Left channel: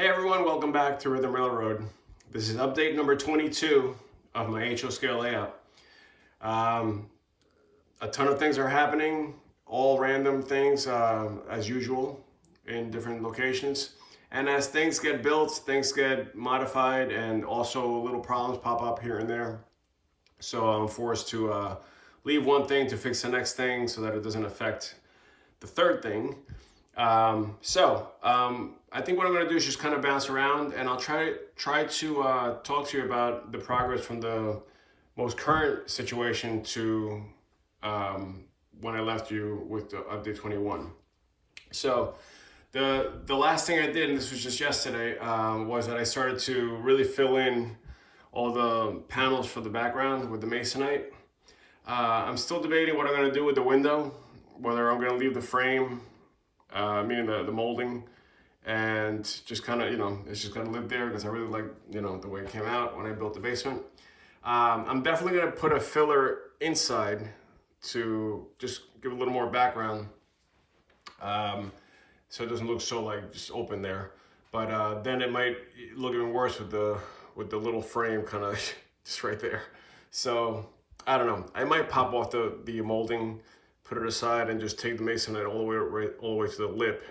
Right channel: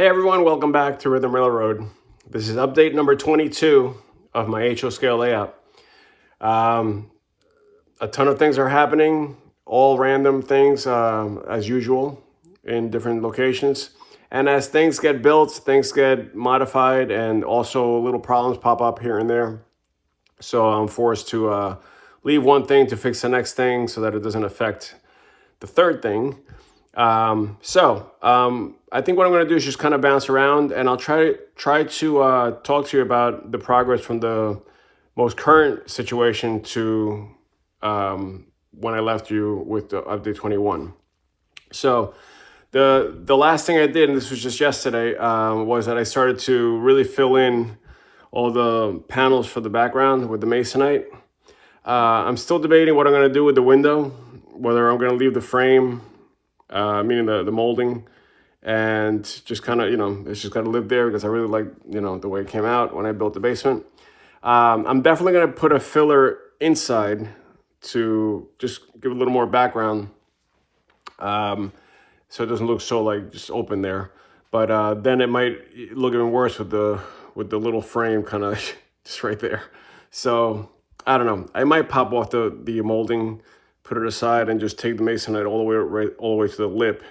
Hey everyone, welcome back to Rhythm Railroad. This is update number 22 of my HO scale layout. A ton of things are happening, all random things as usual in different locations. And as things get built, things get modified, and also little problems pop up here and there. So I'm forced to leave one thing to fix the next thing so that it doesn't affect the third thing. I think what I'm going to do is just kind of bounce around, and I'll try to talk to you about the progress from the most current situation to when I left you with the update 21. So the last thing I did, and this was just yesterday, was that I started to really fill in all the panels for the background with the Masonite. I'm still debating what I'm going to do with the window, whether I'm going to leave the frame, meaning the molding, and just kind of, it's just got to live there because I really like, the way it came out when I built the basement. I'm definitely going to put a filler inside to just give a little more background, so it doesn't look so like just open there. But then it might look even worse with the little frame kind of just right there. So I don't know. I might pop off the molding, put it aside, and just take the Masonite all the way to the lip.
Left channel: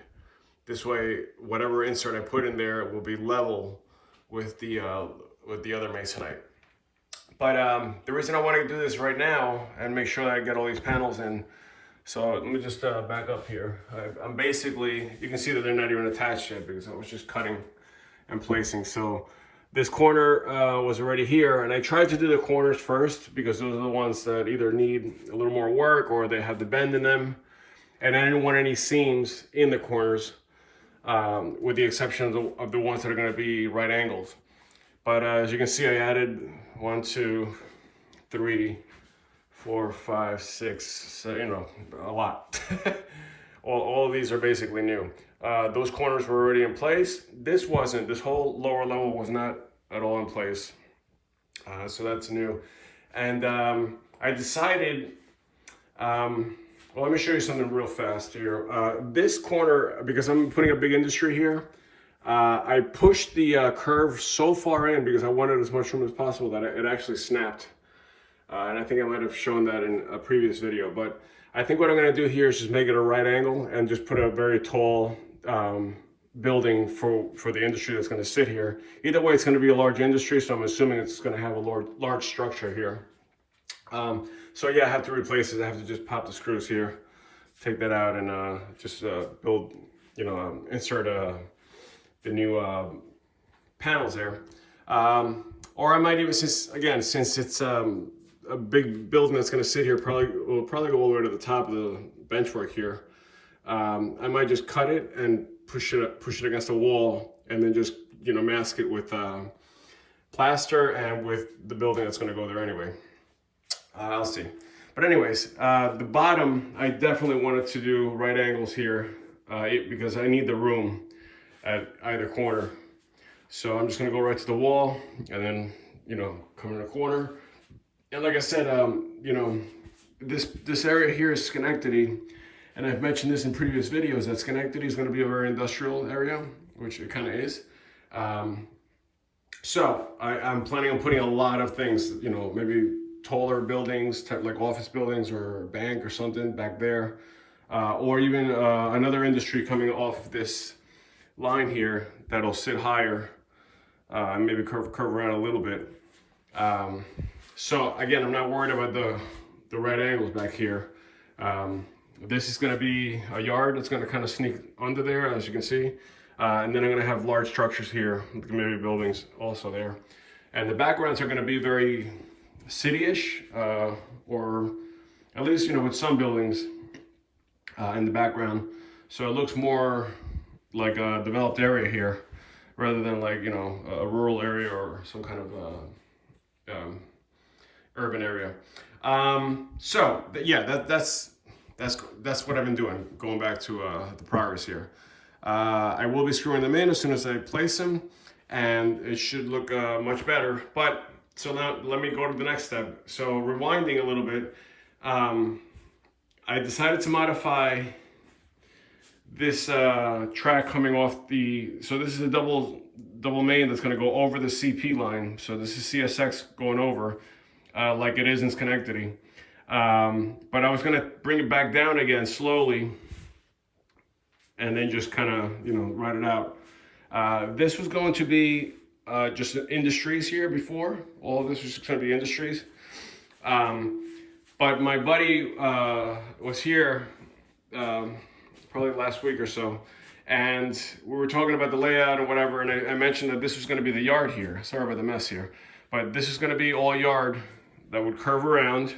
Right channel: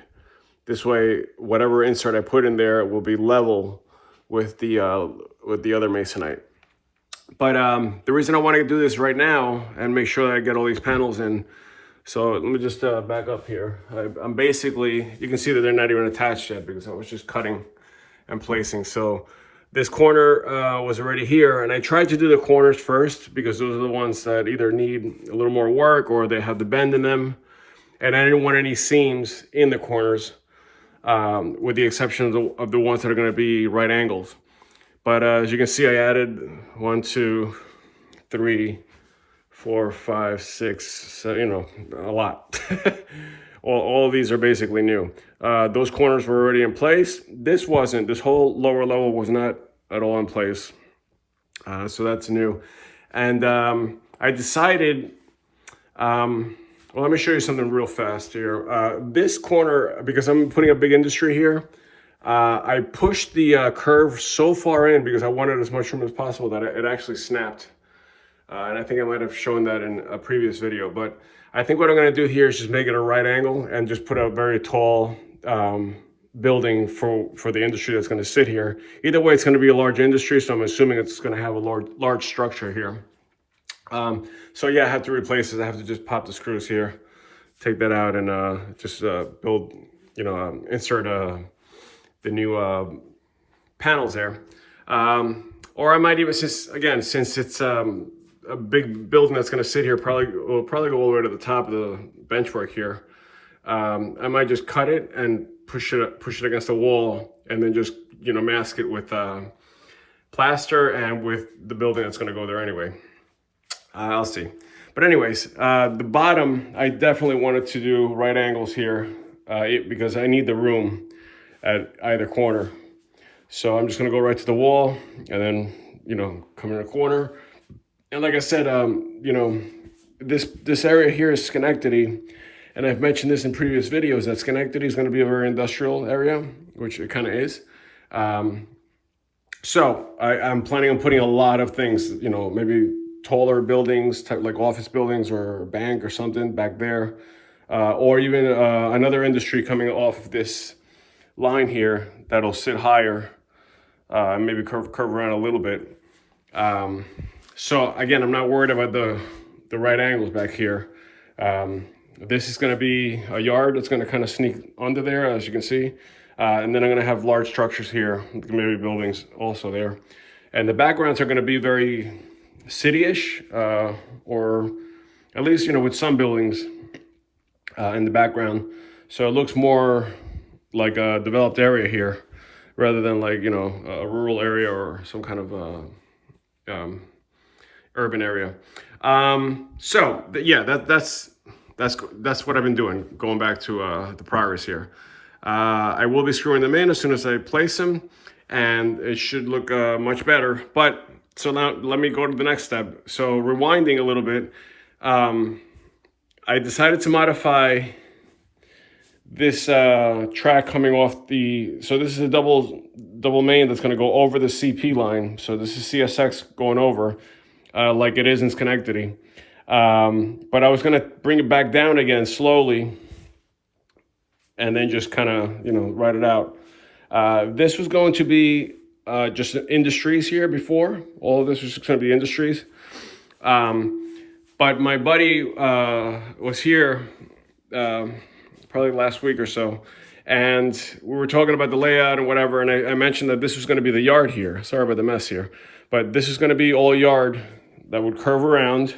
This way, whatever insert I put in there will be level with the other Masonite. But the reason I want to do this right now and make sure that I get all these panels in. So let me just back up here. I'm basically, you can see that they're not even attached yet because I was just cutting and placing. So this corner was already here, and I tried to do the corners first because those are the ones that either need a little more work or they have the bend in them. And I didn't want any seams in the corners, with the exception of the ones that are going to be right angles. But as you can see, I added 1, 2, 3, 4, 5, 6, so, a lot. all of these are basically new. Those corners were already in place. This wasn't. This whole lower level was not at all in place. So that's new. And I decided, well, let me show you something real fast here. This corner, because I'm putting a big industry here, I pushed the curve so far in because I wanted as much room as possible that it actually snapped. And I think I might have shown that in a previous video. But I think what I'm going to do here is just make it a right angle and just put a very tall building for the industry that's going to sit here. Either way, it's going to be a large industry, so I'm assuming it's going to have a large structure here. So yeah, I have to replace it. I have to just pop the screws here, take that out, and just build, insert the new panels there. Or I might even, since it's a big building that's going to sit here, will probably go all the way to the top of the benchwork here. I might just cut it and push it against the wall, and then just mask it with plaster and with the building that's going to go there anyway. I'll see. But anyways, the bottom, I definitely wanted to do right angles here because I need the room at either corner. So I'm just going to go right to the wall and then, come in a corner. And like I said, this area here is Schenectady. And I've mentioned this in previous videos that Schenectady is going to be a very industrial area, which it kind of is. So I'm planning on putting a lot of things, maybe taller buildings, like office buildings or a bank or something back there. Or even another industry coming off of this line here that'll sit higher, maybe curve around a little bit. So again, I'm not worried about the right angles back here. This is going to be a yard that's going to kind of sneak under there, as you can see. And then I'm going to have large structures here, maybe buildings also there. And the backgrounds are going to be very city-ish, or at least, with some buildings in the background. So it looks more like a developed area here rather than like, a rural area or some kind of urban area. Yeah, that's what I've been doing, going back to the progress here. I will be screwing them in as soon as I place them, and it should look much better. But so now let me go to the next step. So rewinding a little bit, I decided to modify this track coming off the, so this is a double main that's going to go over the CP line. So this is CSX going over like it is in Schenectady. But I was going to bring it back down again slowly and then just kind of, ride it out. This was going to be just industries here before. All of this was just going to be industries. But my buddy was here probably last week or so, and we were talking about the layout and whatever, and I mentioned that this was going to be the yard here. Sorry about the mess here, but this is going to be all yard that would curve around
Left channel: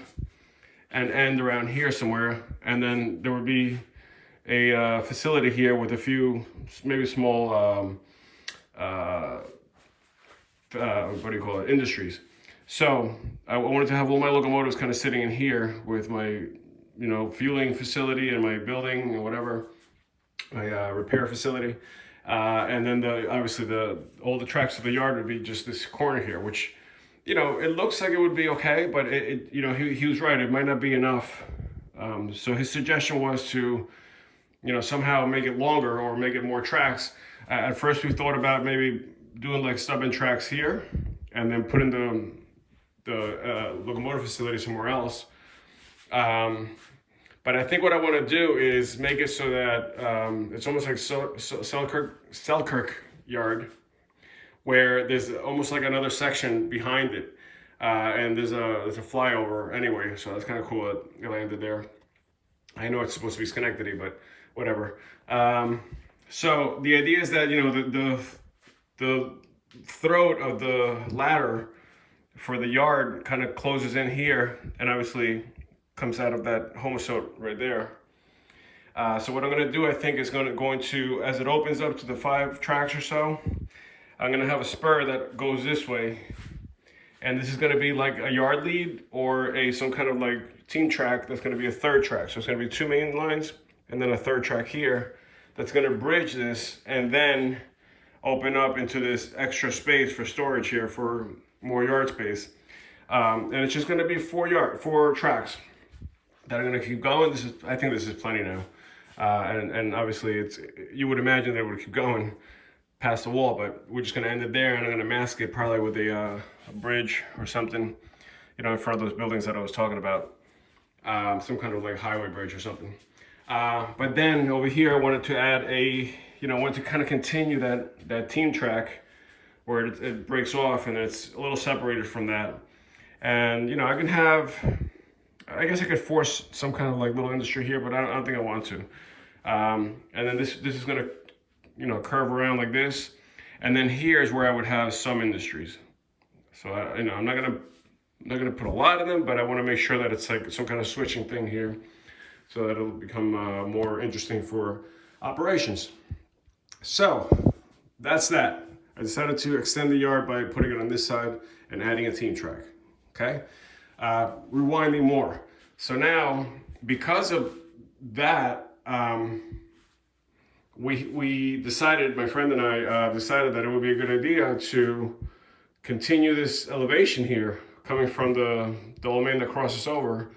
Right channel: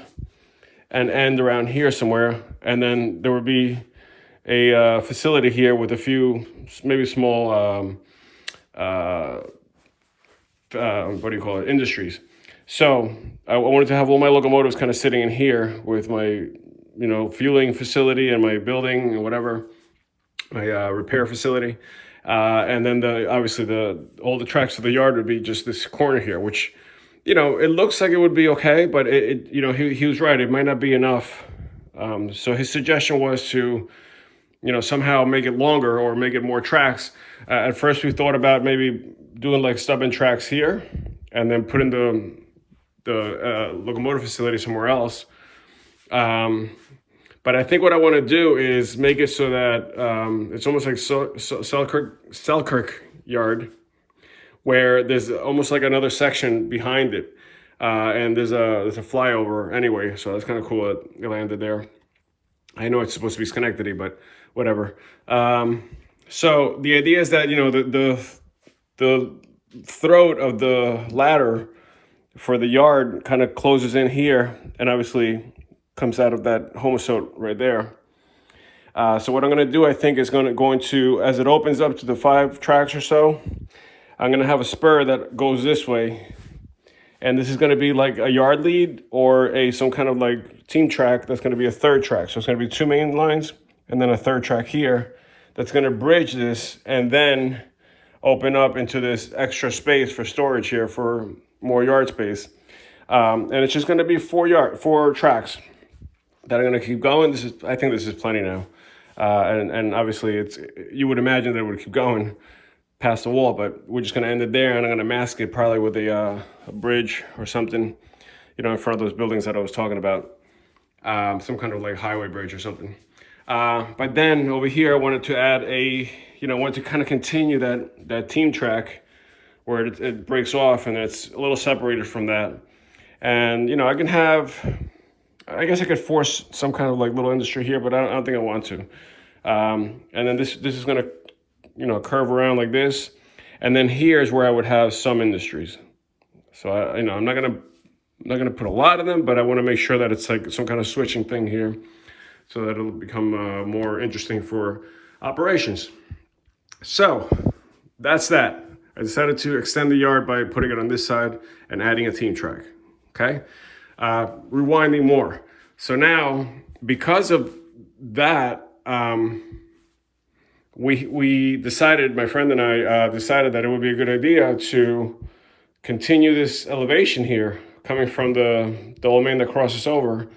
and end around here somewhere, and then there would be a facility here with a few maybe small industries. So I wanted to have all my locomotives kind of sitting in here with my fueling facility and my building and whatever, my repair facility, and then obviously all the tracks of the yard would be just this corner here, which it looks like it would be okay, but he was right, it might not be enough. So his suggestion was to somehow make it longer or make it more tracks. At first we thought about maybe doing like stub-in tracks here and then putting the locomotive facility somewhere else. But I think what I want to do is make it so that it's almost like Selkirk Yard, where there's almost like another section behind it, and there's a flyover anyway. So that's kind of cool that it landed there. I know it's supposed to be Schenectady, but whatever. So the idea is that the throat of the ladder for the yard kind of closes in here, and obviously comes out of that Homosote right there. So what I'm going to do, I think, is going to, as it opens up to the 5 tracks or so, I'm going to have a spur that goes this way, and this is going to be like a yard lead or some kind of like team track that's going to be a 3rd track. So it's going to be 2 main lines and then a 3rd track here that's going to bridge this and then open up into this extra space for storage here for more yard space. And it's just going to be 4 tracks that are going to keep going. I think this is plenty now. And obviously you would imagine that it would keep going past the wall, but we're just going to end it there, and I'm going to mask it probably with a bridge or something, in front of those buildings that I was talking about, some kind of like highway bridge or something. But then over here, I wanted to add wanted to kind of continue that team track where it breaks off and it's a little separated from that. And, I guess I could force some kind of like little industry here, but I don't think I want to. And then this is going to, curve around like this. And then here's where I would have some industries. So I'm not going to put a lot of them, but I want to make sure that it's like some kind of switching thing here so that it'll become more interesting for operations. So that's that. I decided to extend the yard by putting it on this side and adding a team track. Okay. Rewinding more. So now, because of that, we decided, my friend and I decided that it would be a good idea to continue this elevation here coming from the double main that crosses over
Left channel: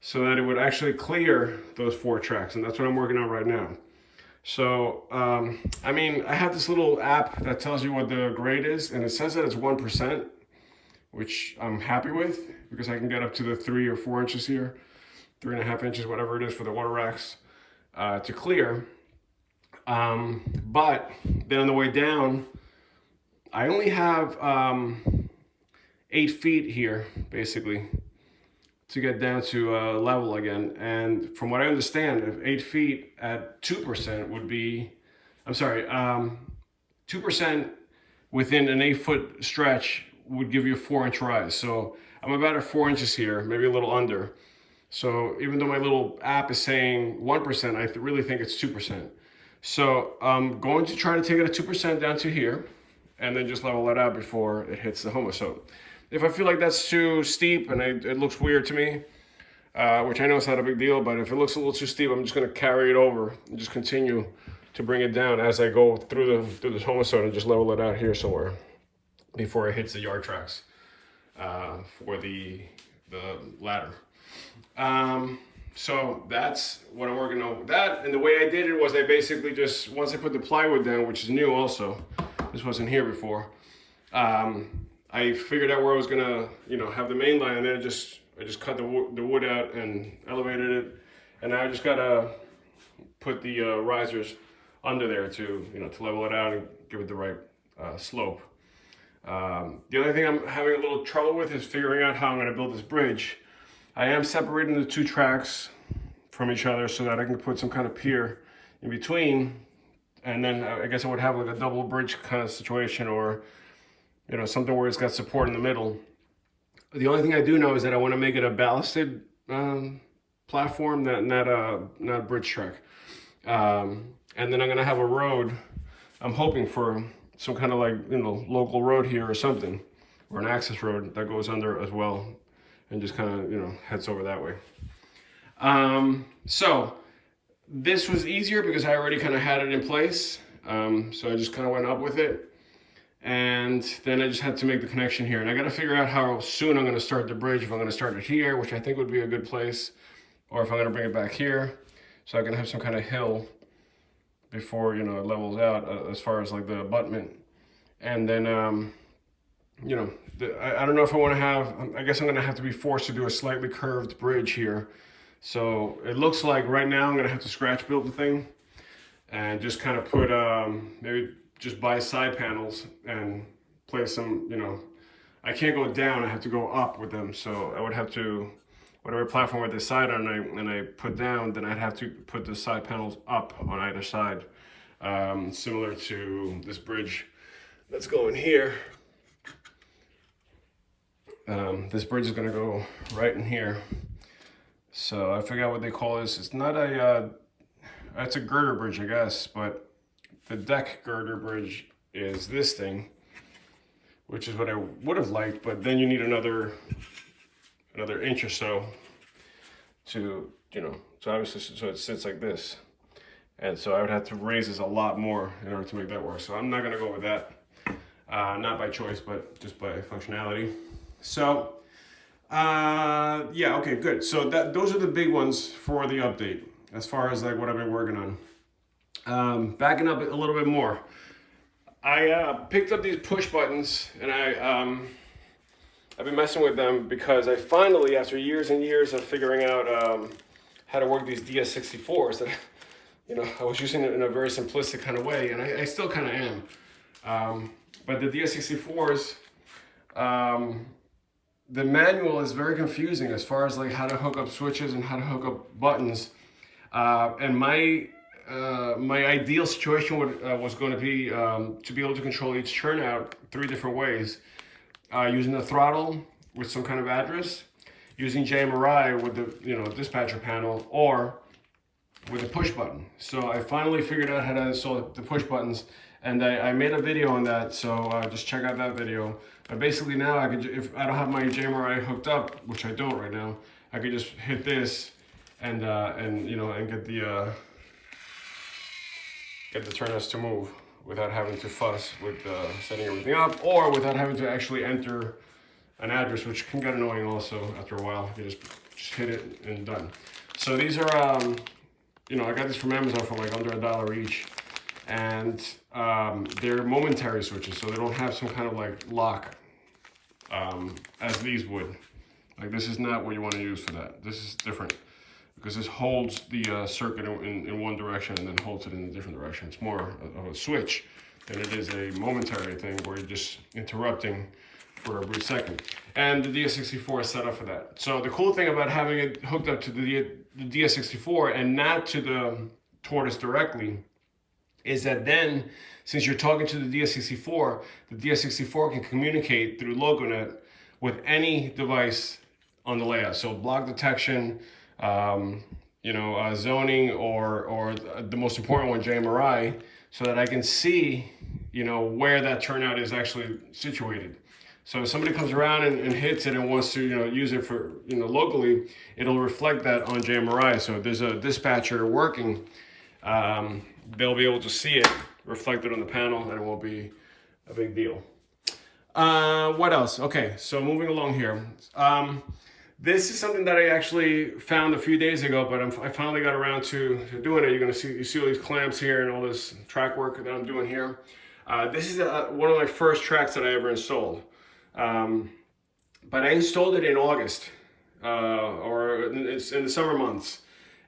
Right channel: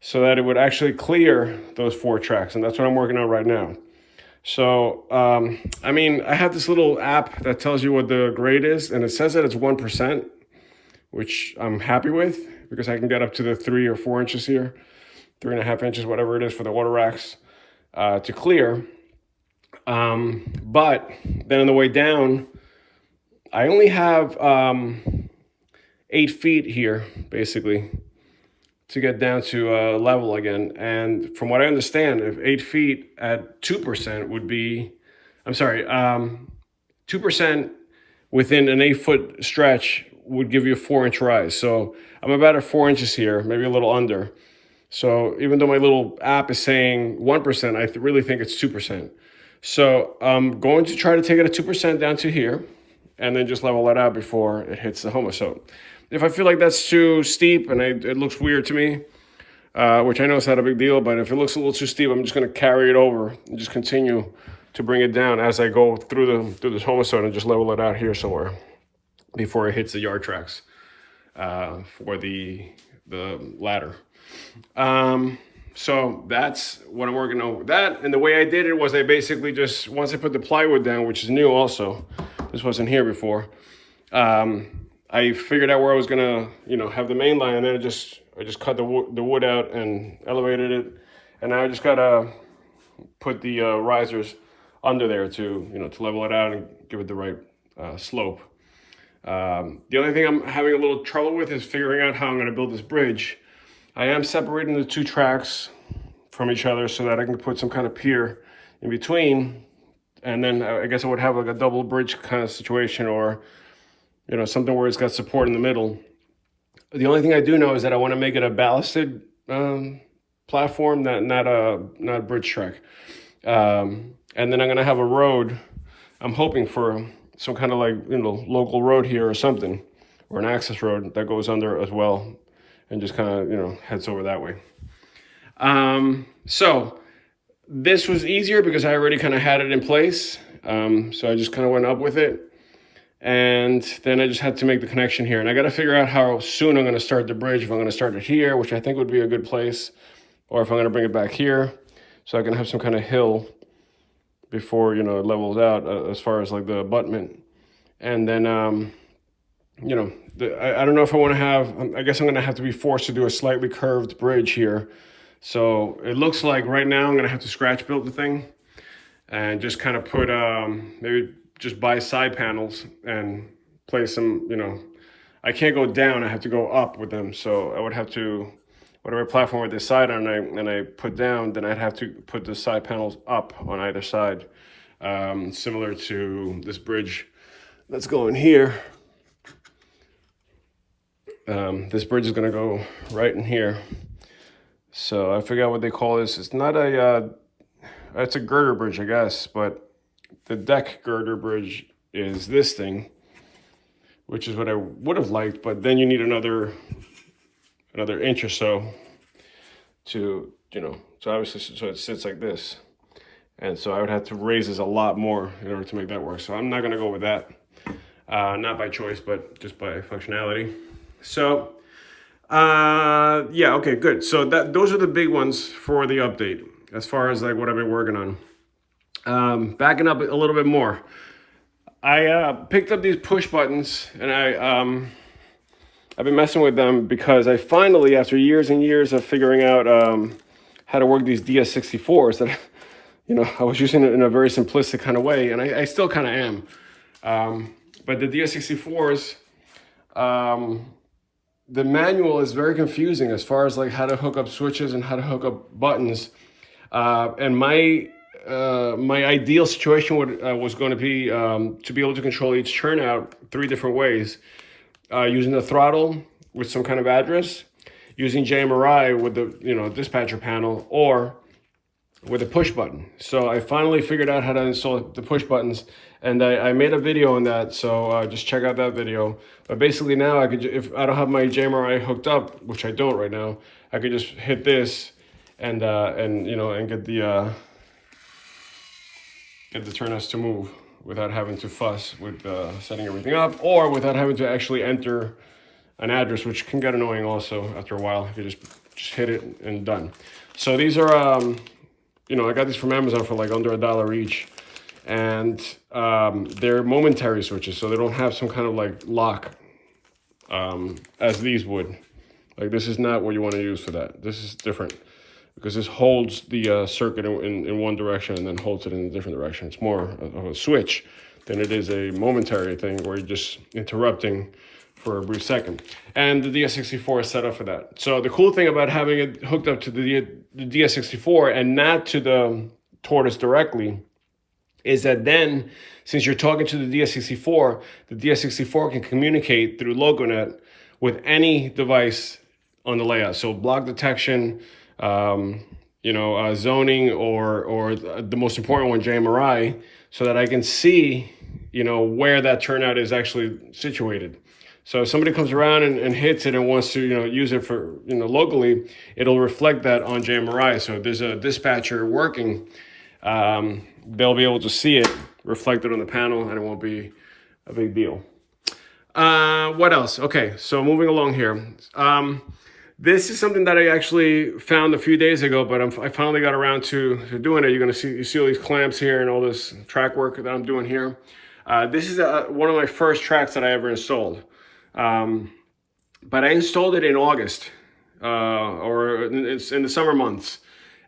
so that it would actually clear those 4 tracks. And that's what I'm working on right now. So, I have this little app that tells you what the grade is, and it says that it's 1%, which I'm happy with because I can get up to the 3 or 4 inches here, 3.5 inches, whatever it is for the water racks to clear. But then on the way down, I only have 8 feet here, basically, to get down to level again. And from what I understand, if 8 feet at 2% would be, 2% within an 8-foot stretch would give you a 4-inch rise. So I'm about at 4 inches here, maybe a little under. So even though my little app is saying 1%, I really think it's 2%. So I'm going to try to take it at 2% down to here and then just level that out before it hits the Homosote. If I feel like that's too steep and it looks weird to me, which I know it's not a big deal, but if it looks a little too steep, I'm just going to carry it over and just continue to bring it down as I go through this Homosote and just level it out here somewhere before it hits the yard tracks for the ladder. So that's what I'm working on with that. And the way I did it was I basically just, once I put the plywood down, which is new also, this wasn't here before, I figured out where I was gonna, have the main line, and then I just cut the wood out and elevated it. And now I just gotta put the risers under there to, to level it out and give it the right slope. The only thing I'm having a little trouble with is figuring out how I'm gonna build this bridge. I am separating the two tracks from each other so that I can put some kind of pier in between, and then I guess I would have like a double bridge kind of situation, or something where it's got support in the middle. The only thing I do know is that I want to make it a ballasted platform, not a bridge track. And then I'm gonna have a road. I'm hoping for some kind of like local road here or something, or an access road that goes under as well, and just kind of heads over that way. So this was easier because I already kind of had it in place. So I just kind of went up with it, and then I just had to make the connection here. And I got to figure out how soon I'm going to start the bridge. If I'm going to start it here, which I think would be a good place, or if I'm going to bring it back here, so I can have some kind of hill before it levels out as far as like the abutment. And then I don't know if I want to have, I guess I'm going to have to be forced to do a slightly curved bridge here. So it looks like right now I'm going to have to scratch build the thing and just kind of put, maybe just buy side panels and place some, I can't go down, I have to go up with them. So I would have to, whatever platform with this side on and I put down, then I'd have to put the side panels up on either side, similar to this bridge that's going here. This bridge is gonna go right in here. So I forgot what they call this. It's not a, it's a girder bridge, I guess, but the deck girder bridge is this thing, which is what I would have liked, but then you need another inch or so to, so obviously, so it sits like this. And so I would have to raise this a lot more in order to make that work. So I'm not gonna go with that. Not by choice, but just by functionality. So, yeah, okay, good. So those are the big ones for the update as far as like what I've been working on. Backing up a little bit more. I picked up these push buttons, and I've been messing with them because I finally, after years and years of figuring out how to work these DS64s that, I was using it in a very simplistic kind of way, and I still kind of am. But the DS64s, the manual is very confusing as far as like how to hook up switches and how to hook up buttons. And my ideal situation was going to be able to control each turnout 3 different ways. Using the throttle with some kind of address, using JMRI with the dispatcher panel, or with a push button. So I finally figured out how to install the push buttons, and I made a video on that, so just check out that video. But basically now I could, if I don't have my JMRI hooked up, which I don't right now, I could just hit this and get the turnouts to move without having to fuss with setting everything up, or without having to actually enter an address, which can get annoying also after a while. You just hit it and done. So these are, I got these from Amazon for like under $1 each, and they're momentary switches, so they don't have some kind of like lock as these would. Like this is not what you want to use for that. This is different, because this holds the circuit in one direction and then holds it in a different direction. It's more of a switch than it is a momentary thing where you're just interrupting for a brief second. And the DS64 is set up for that. So the cool thing about having it hooked up to the DS64 and not to the Tortoise directly is that then, since you're talking to the DS64 can communicate through LocoNet with any device on the layout. So block detection, zoning, or the most important one, JMRI, so that I can see, where that turnout is actually situated. So if somebody comes around and hits it and wants to, use it for, locally, it'll reflect that on JMRI. So if there's a dispatcher working, they'll be able to see it reflected on the panel, and it won't be a big deal. What else? Okay, so moving along here. This is something that I actually found a few days ago, but I finally got around to doing it. You're gonna see all these clamps here and all this track work that I'm doing here. This is one of my first tracks that I ever installed. But I installed it in August, or it's in the summer months.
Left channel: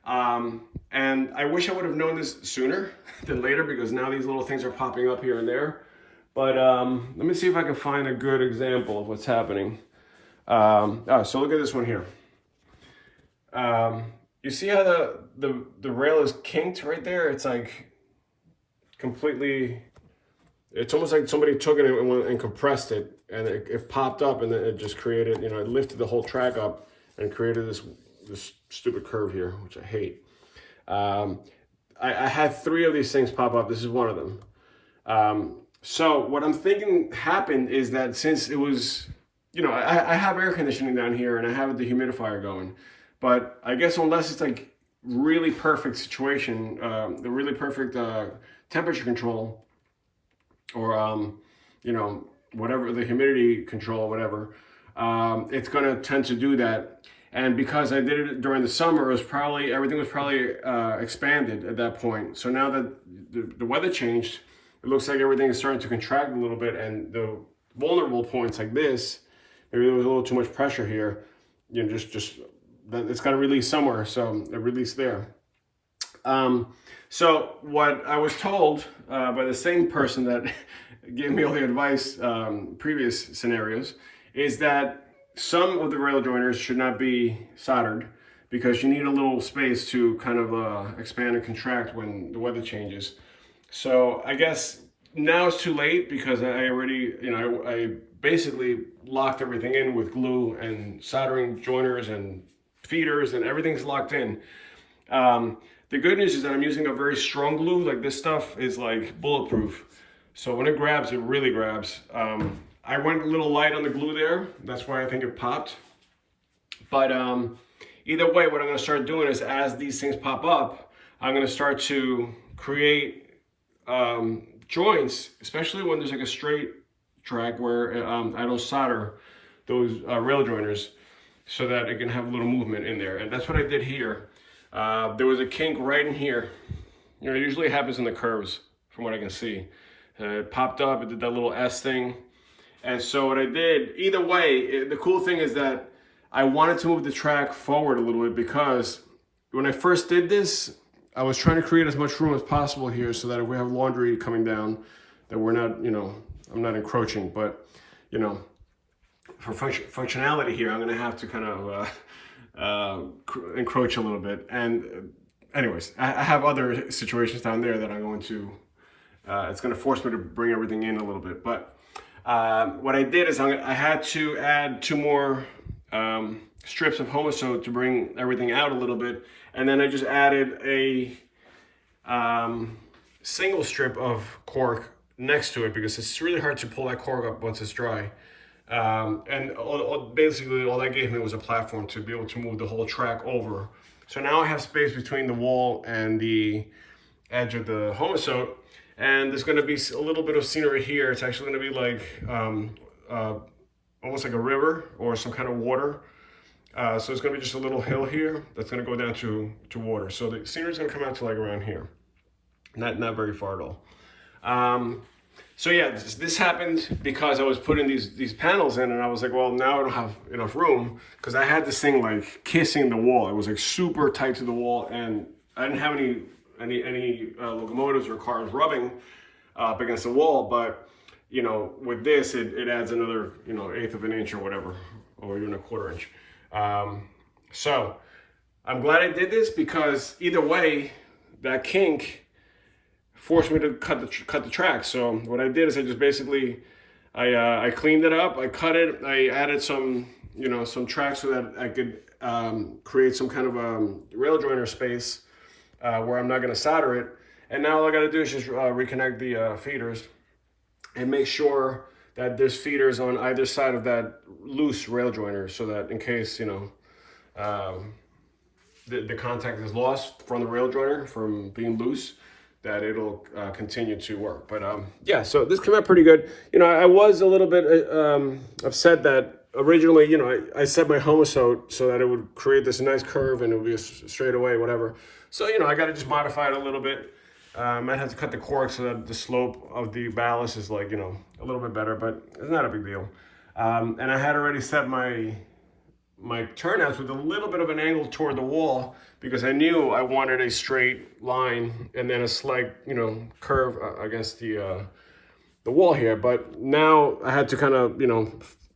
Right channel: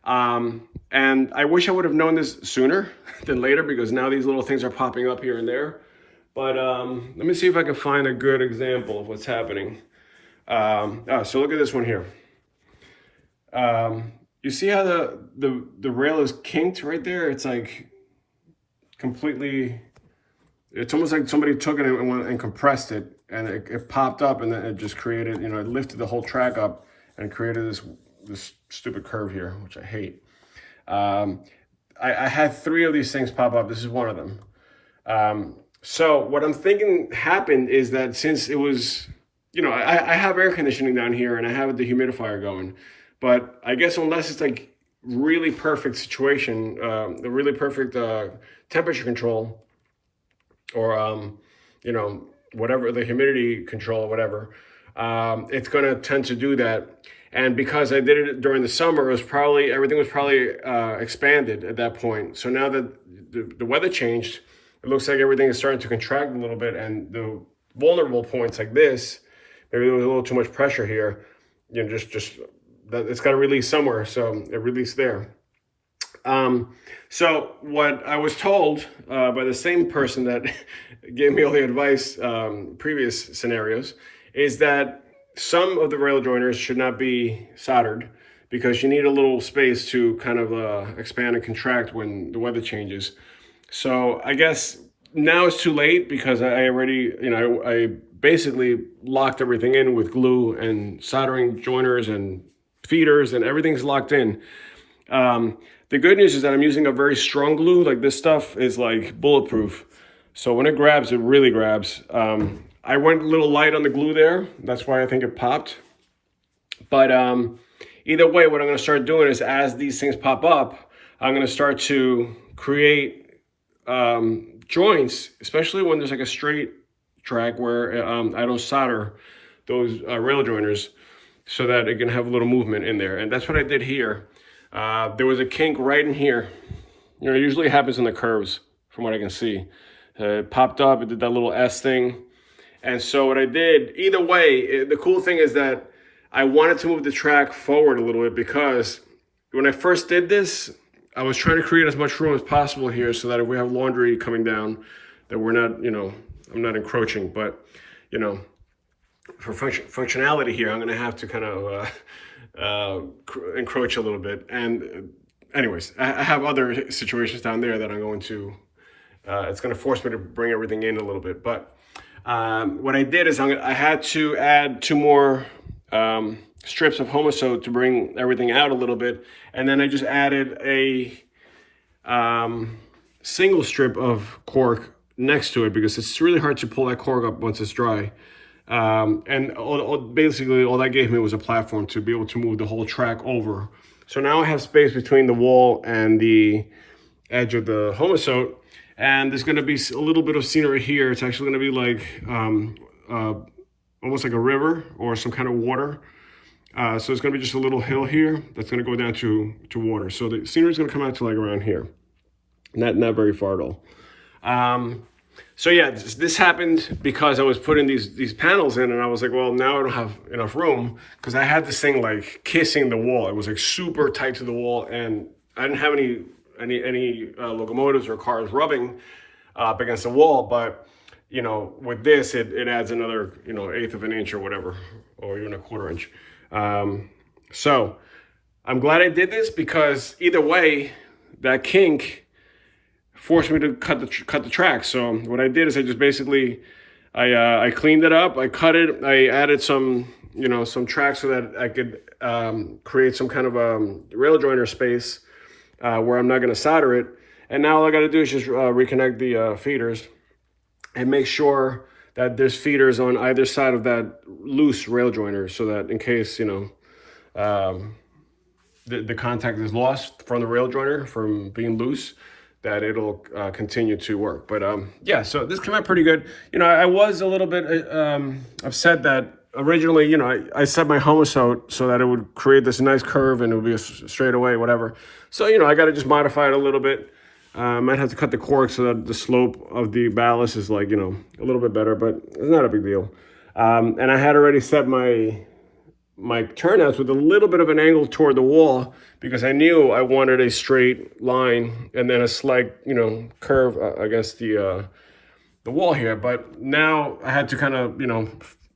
And I wish I would have known this sooner than later, because now these little things are popping up here and there. But let me see if I can find a good example of what's happening. So look at this one here. You see how the rail is kinked right there? It's like completely, it's almost like somebody took it and compressed it, and it popped up, and then it just created, you know, it lifted the whole track up and created this stupid curve here, which I hate. I had 3 of these things pop up. This is one of them. So what I'm thinking happened is that since it was, you know, I have air conditioning down here and I have the humidifier going, but I guess unless it's like really perfect situation, the really perfect temperature control, or you know, whatever, the humidity control, whatever, it's going to tend to do that. And because I did it during the summer, everything was probably expanded at that point. So now that the weather changed, it looks like everything is starting to contract a little bit, and the vulnerable points like this, maybe there was a little too much pressure here, you know, just that it's got to release somewhere, so it released there. So what I was told by the same person that gave me all the advice, previous scenarios, is that some of the rail joiners should not be soldered, because you need a little space to kind of expand and contract when the weather changes. So I guess now it's too late, because I already, you know, I basically locked everything in with glue and soldering joiners and feeders, and everything's locked in. The good news is that I'm using a very strong glue. Like, this stuff is like bulletproof. So when it grabs, it really grabs. I went a little light on the glue there. That's why I think it popped. But either way, what I'm gonna start doing is, as these things pop up, I'm gonna start to create joints, especially when there's like a straight track where I don't solder those rail joiners, so that it can have a little movement in there. And that's what I did here. There was a kink right in here. You know, it usually happens in the curves, from what I can see. It popped up, it did that little S thing. And so what I did, either way, the cool thing is that I wanted to move the track forward a little bit, because when I first did this, I was trying to create as much room as possible here, so that if we have laundry coming down, that we're not, you know, I'm not encroaching. But, you know, for functionality here, I'm gonna have to kind of encroach a little bit. And anyways, I have other situations down there that I'm going to, it's gonna force me to bring everything in a little bit. But what I did is I had to add 2 more strips of Homosote to bring everything out a little bit. And then I just added a single strip of cork next to it, because it's really hard to pull that cork up once it's dry. And basically all that gave me was a platform to be able to move the whole track over. So now I have space between the wall and the edge of the Homosote, and there's going to be a little bit of scenery here. It's actually going to be like almost like a river or some kind of water. So it's going to be just a little hill here that's going to go down to water. So the scenery is going to come out to like around here, not very far at all. So yeah, this happened because I was putting these panels in, and I was like, well, now I don't have enough room, because I had this thing like kissing the wall. It was like super tight to the wall, and I didn't have any locomotives or cars rubbing up against the wall. But you know, with this, it adds another, you know, 1/8 of an inch or whatever, or even a 1/4 inch. So I'm glad I did this, because either way, that kink forced me to cut the track. So what I did is I just basically, I cleaned it up, I cut it, I added some, you know, some tracks so that I could create some kind of rail joiner space where I'm not going to solder it. And now all I got to do is just reconnect the feeders and make sure that there's feeders on either side of that loose rail joiner, so that in case, you know, the contact is lost from the rail joiner from being loose, that it'll continue to work. But yeah, so this came out pretty good. You know, I was a little bit upset that originally, you know, I set my home so that it would create this nice curve and it would be a straight away, whatever. So, you know, I got to just modify it a little bit. I might have to cut the cork so that the slope of the ballast is like, you know, a little bit better, but it's not a big deal. And I had already set my turnouts with a little bit of an angle toward the wall because I knew I wanted a straight line and then a slight, you know, curve against the wall here. But now I had to kind of, you know,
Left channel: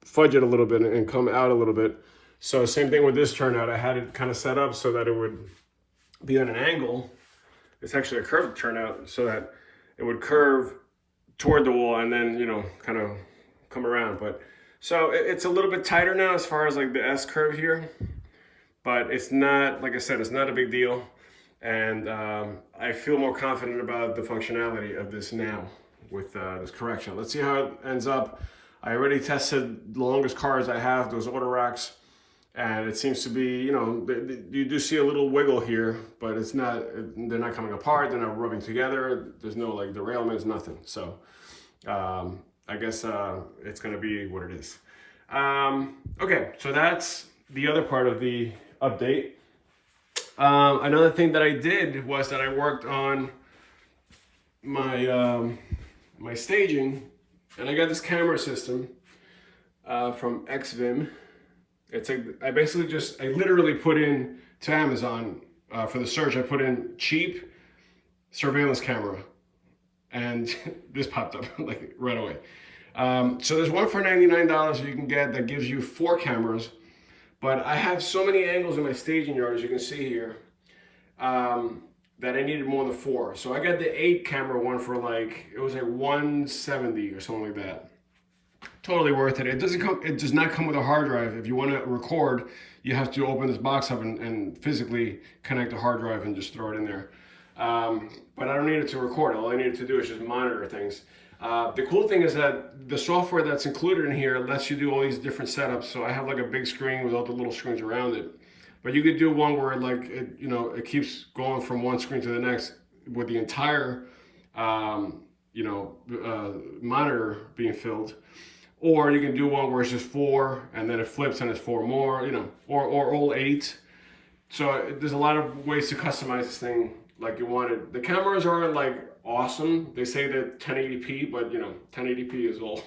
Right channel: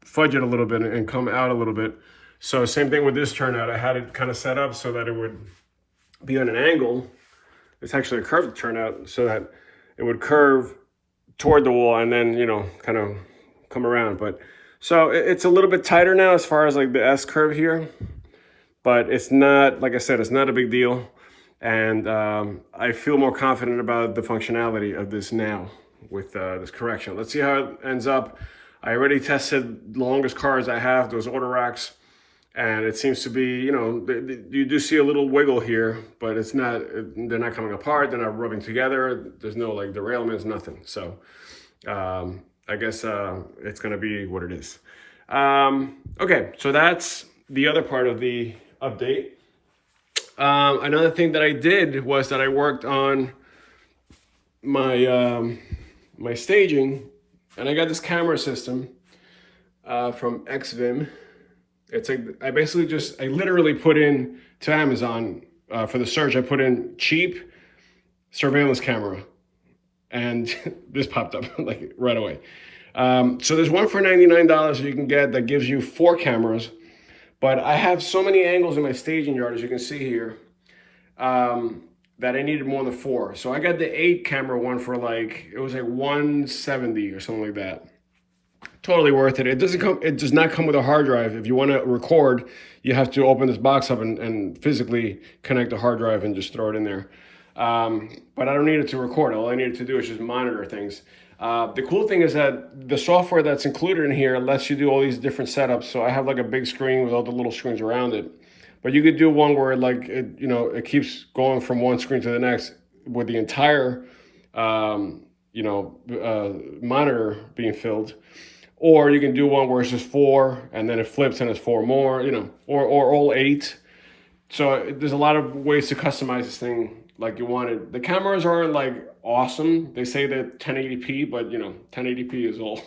fudge it a little bit and come out a little bit. So same thing with this turnout. I had it kind of set up so that it would be on an angle. It's actually a curved turnout so that it would curve toward the wall and then, you know, kind of come around. But so it's a little bit tighter now as far as like the S curve here, but it's not, like I said, it's not a big deal. And I feel more confident about the functionality of this now with this correction. Let's see how it ends up. I already tested the longest cars I have, those auto racks, and it seems to be, you know, you do see a little wiggle here, but it's not, they're not coming apart, they're not rubbing together, there's no like derailments, nothing. So I guess it's gonna be what it is. Okay, so that's the other part of the update. Another thing that I did was that I worked on my my staging, and I got this camera system from XVIM. It's like I literally put in to Amazon for the search. I put in cheap surveillance camera, and this popped up like right away. So there's one for $99 that you can get that gives you 4 cameras, but I have so many angles in my staging yard, as you can see here, that I needed more than 4. So I got the 8 camera one for like, it was like $170 or something like that. Totally worth it. It does not come with a hard drive. If you want to record, you have to open this box up and physically connect the hard drive and just throw it in there. But I don't need it to record. All I needed to do is just monitor things. The cool thing is that the software that's included in here lets you do all these different setups. So I have like a big screen with all the little screens around it. But you could do one where like, it keeps going from one screen to the next with the entire, monitor being filled. Or you can do one where it's just 4 and then it flips and it's 4 more, or all 8. So there's a lot of ways to customize this thing like you want it. The cameras aren't like awesome. They say that 1080p, but 1080p is all,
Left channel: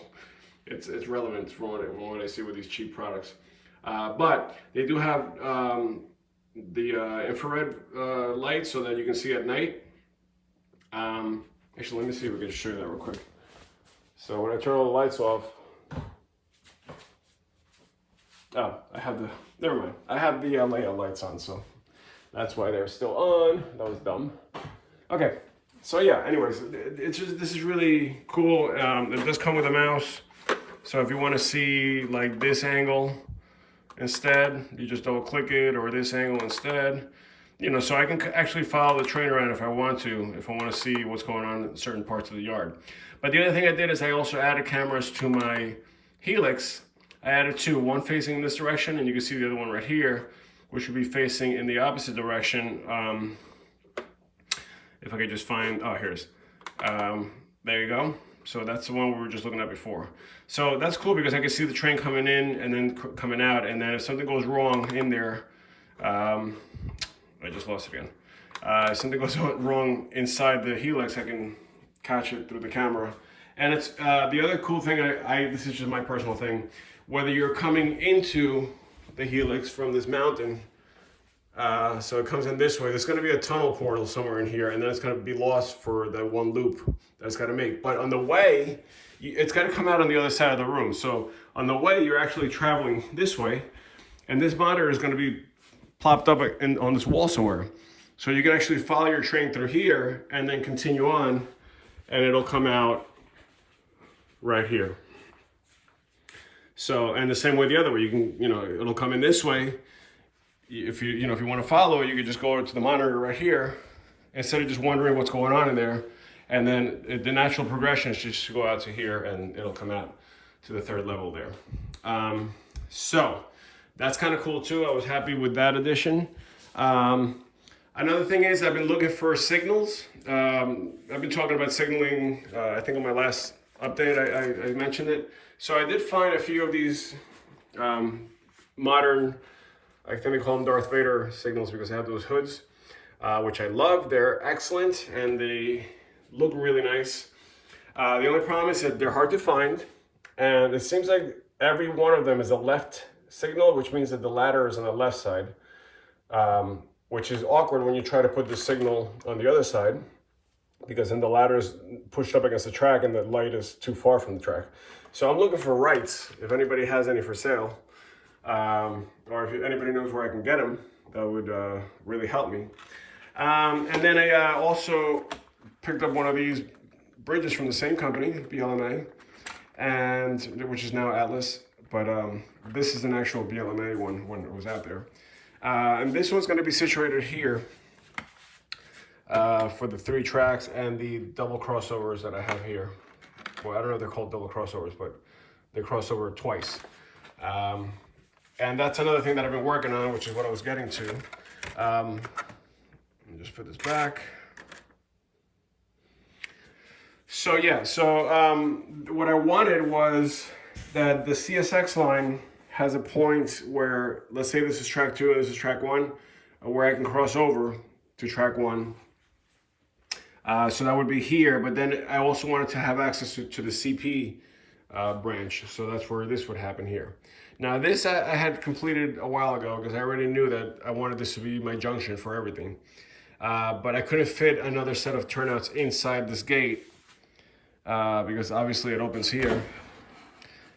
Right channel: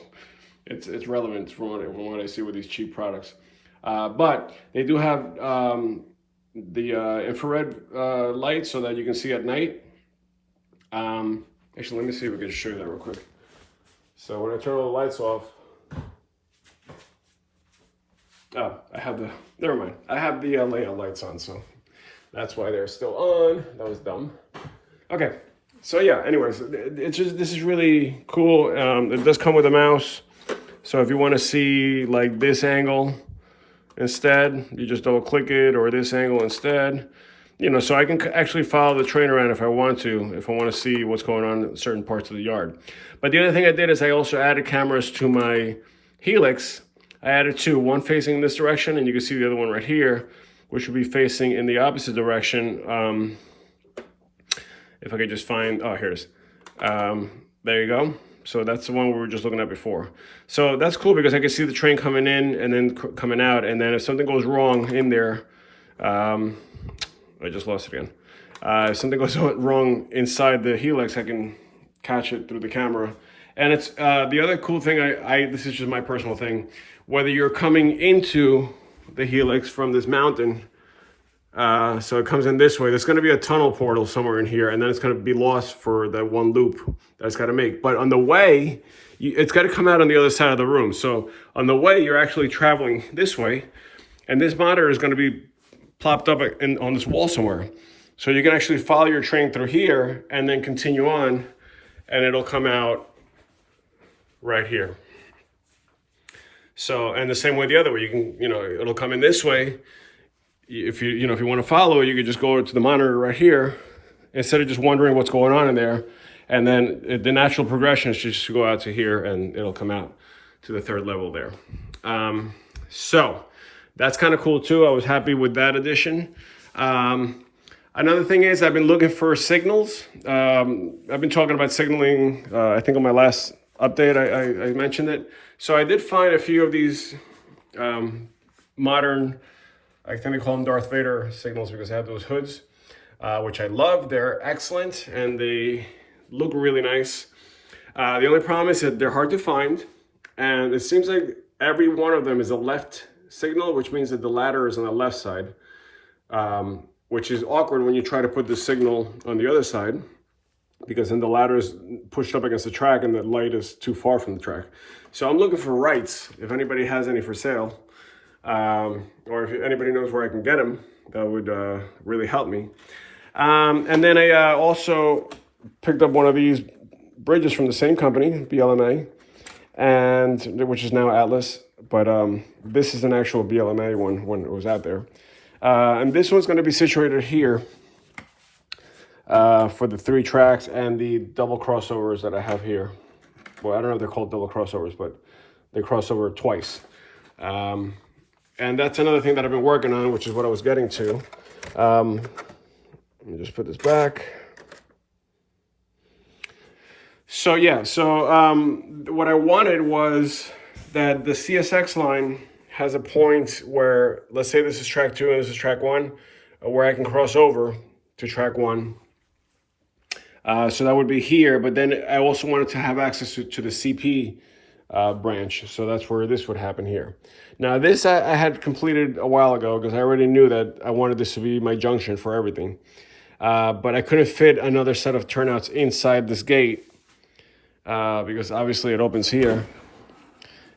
it's relevant from what I see with these cheap products. But they do have the infrared light so that you can see at night. Actually, let me see if we can show you that real quick. So when I turn all the lights off, never mind. I have the layout lights on, so that's why they're still on. That was dumb. Okay, so yeah, anyways, this is really cool. It does come with a mouse. So if you want to see like this angle instead, you just double click it, or this angle instead. So I can actually follow the train around if I want to see what's going on in certain parts of the yard. But the other thing I did is I also added cameras to my Helix. I added 2, one facing in this direction, and you can see the other one right here, which will be facing in the opposite direction. If I could just find, here it is. There you go. So that's the one we were just looking at before. So that's cool because I can see the train coming in and then coming out, and then if something goes wrong in there, I just lost it again. If something goes wrong inside the Helix, I can catch it through the camera. And it's the other cool thing, this is just my personal thing, whether you're coming into the Helix from this mountain, so it comes in this way, there's gonna be a tunnel portal somewhere in here, and then it's gonna be lost for that one loop that's gotta make. But on the way, it's gotta come out on the other side of the room. So on the way, you're actually traveling this way, and this monitor is gonna be plopped up on this wall somewhere. So you can actually follow your train through here and then continue on, and it'll come out right here. So, and the same way the other way, you can, it'll come in this way. If you want to follow it, you could just go to the monitor right here instead of just wondering what's going on in there. And then the natural progression is just to go out to here and it'll come out to the 3rd level there. So that's kind of cool too. I was happy with that addition. Another thing is I've been looking for signals. I've been talking about signaling, I think on my last update, I mentioned it. So I did find a few of these modern, I think they call them Darth Vader signals because they have those hoods, which I love. They're excellent and they look really nice. The only problem is that they're hard to find, and it seems like every one of them is a left signal, which means that the ladder is on the left side, which is awkward when you try to put the signal on the other side, because then the ladder is pushed up against the track and the light is too far from the track. So I'm looking for rights, if anybody has any for sale, or if anybody knows where I can get them, that would really help me. And then I also picked up one of these bridges from the same company, BLMA, and which is now Atlas, but this is an actual BLMA one when it was out there. And this one's going to be situated here for the 3 tracks and the double crossovers that I have here. Well, I don't know if they're called double crossovers, but they cross over twice. And that's another thing that I've been working on, which is what I was getting to. Let me just put this back. So yeah, what I wanted was that the CSX line has a point where, let's say this is track 2 and this is track 1, where I can cross over to track 1. So that would be here, but then I also wanted to have access to the CP branch. So that's where this would happen here. Now this I had completed a while ago because I already knew that I wanted this to be my junction for everything. But I couldn't fit another set of turnouts inside this gate because obviously it opens here.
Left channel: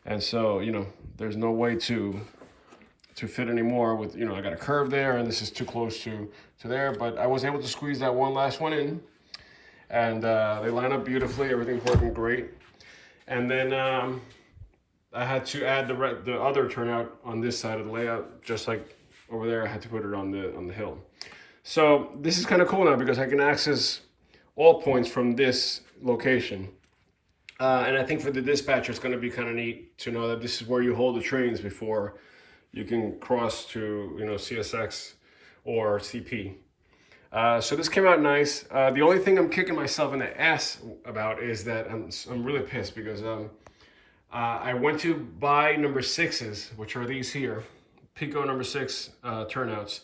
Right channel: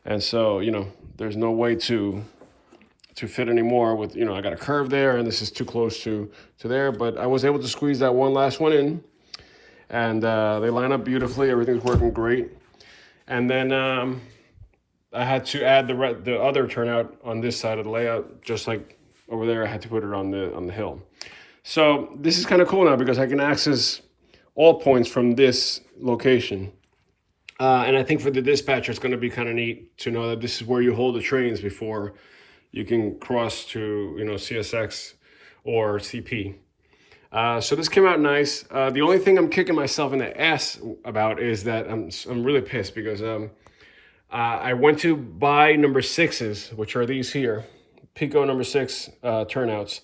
And so, you know, there's no way to fit anymore with, you know, I got a curve there and this is too close to there, but I was able to squeeze that one last one in. And they line up beautifully. Everything's working great. And then I had to add the other turnout on this side of the layout, just like over there. I had to put it on the hill. So this is kind of cool now because I can access all points from this location. And I think for the dispatcher, it's going to be kind of neat to know that this is where you hold the trains before you can cross to, you know, CSX or CP. So this came out nice. The only thing I'm kicking myself in the ass about is that I'm really pissed because I went to buy number 6s, which are these here, Pico number 6 turnouts,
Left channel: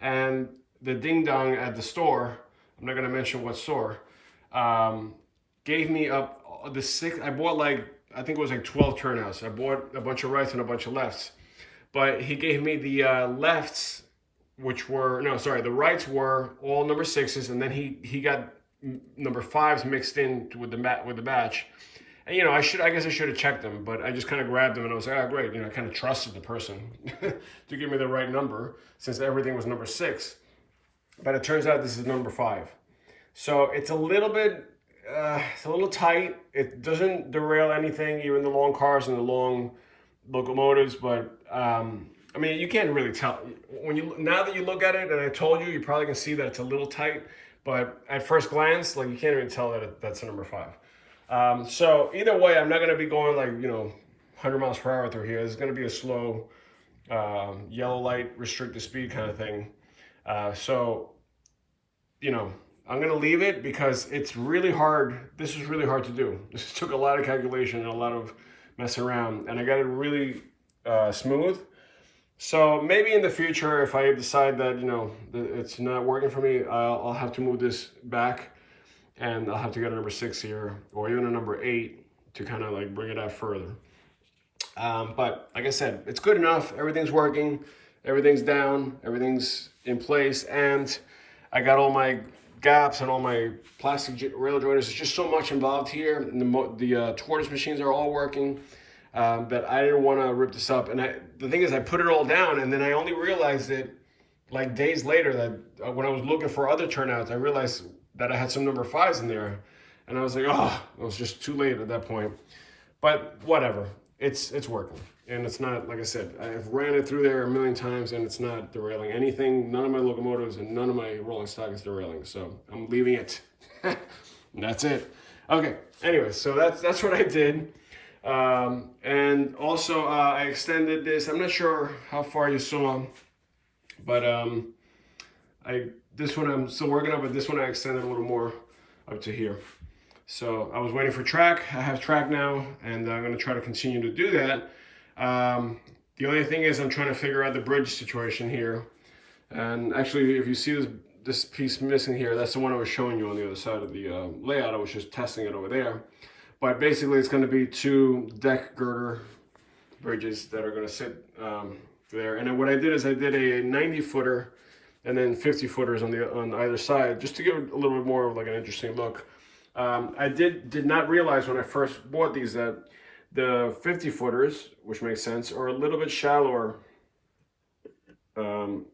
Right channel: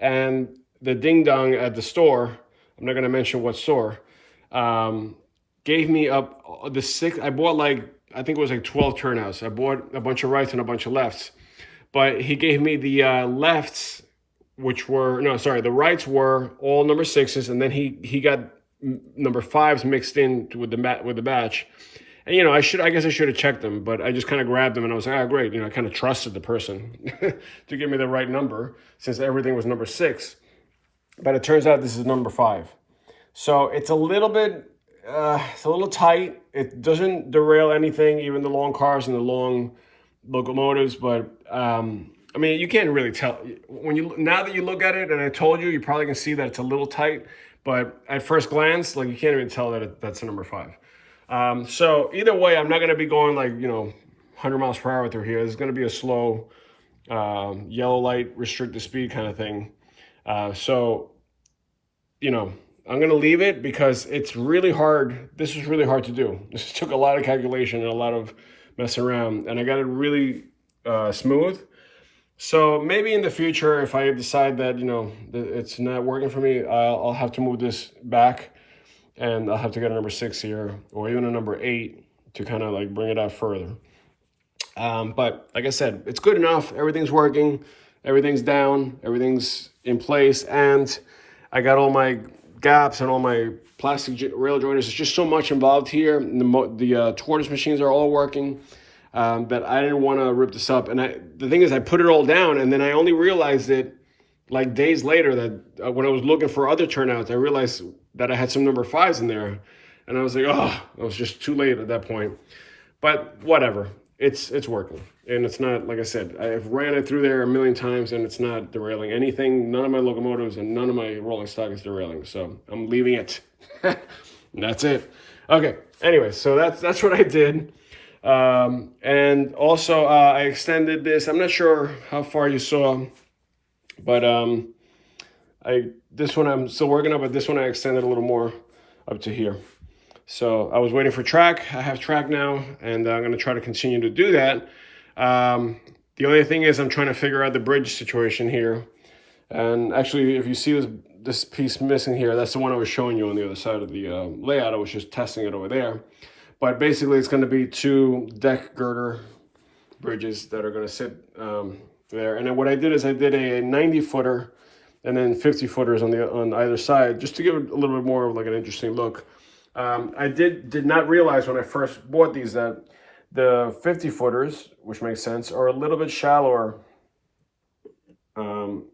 and the ding dong at the store, I'm not going to mention what store, gave me up the 6. I bought like, I think it was like 12 turnouts. I bought a bunch of rights and a bunch of lefts, but he gave me the lefts, which were, no, sorry, the rights were all number 6s, and then he got number 5s mixed in with the batch. And, you know, I guess I should have checked them, but I just kind of grabbed them and I was like, oh, great. You know, I kind of trusted the person to give me the right number since everything was number 6. But it turns out this is number 5. So it's a little bit, it's a little tight. It doesn't derail anything, even the long cars and the long locomotives, but, I mean, you can't really tell now that you look at it, and I told you, you probably can see that it's a little tight, but at first glance, like, you can't even tell that that's a number 5. So either way, I'm not going to be going like, you know, 100 miles per hour through here. It's going to be a slow, yellow light, restricted speed kind of thing. So, you know, I'm going to leave it because it's really hard. This was really hard to do. This took a lot of calculation and a lot of messing around, and I got it really smooth. So maybe in the future, if I decide that, you know, it's not working for me, I'll have to move this back and I'll have to get a number 6 here or even a number 8 to kind of like bring it out further. But like I said, it's good enough. Everything's working, everything's down, everything's in place. And I got all my gaps and all my plastic rail joiners. There's just so much involved here. The tortoise machines are all working. But I didn't want to rip this up. And the thing is, I put it all down, and then I only realized it like days later that when I was looking for other turnouts, I realized that I had some number 5s in there. And I was like, oh, I was just too late at that point. But whatever, it's working. And it's not, like I said, I've ran it through there a million times, and it's not derailing anything. None of my locomotives and none of my rolling stock is derailing. So I'm leaving it. That's it. Okay, anyway, so that's what I did. And also I extended this. I'm not sure how far you saw, but this one I'm still working on, but this one I extended a little more up to here. So I was waiting for track. I have track now, and I'm going to try to continue to do that. The only thing is I'm trying to figure out the bridge situation here. And actually, if you see this piece missing here, that's the one I was showing you on the other side of the layout. I was just testing it over there. But basically, it's going to be 2 deck girder bridges that are going to sit there. And then what I did is I did a 90-footer and then 50-footers on either side, just to give it a little bit more of like an interesting look. I did not realize when I first bought these that the 50-footers, which makes sense, are a little bit shallower than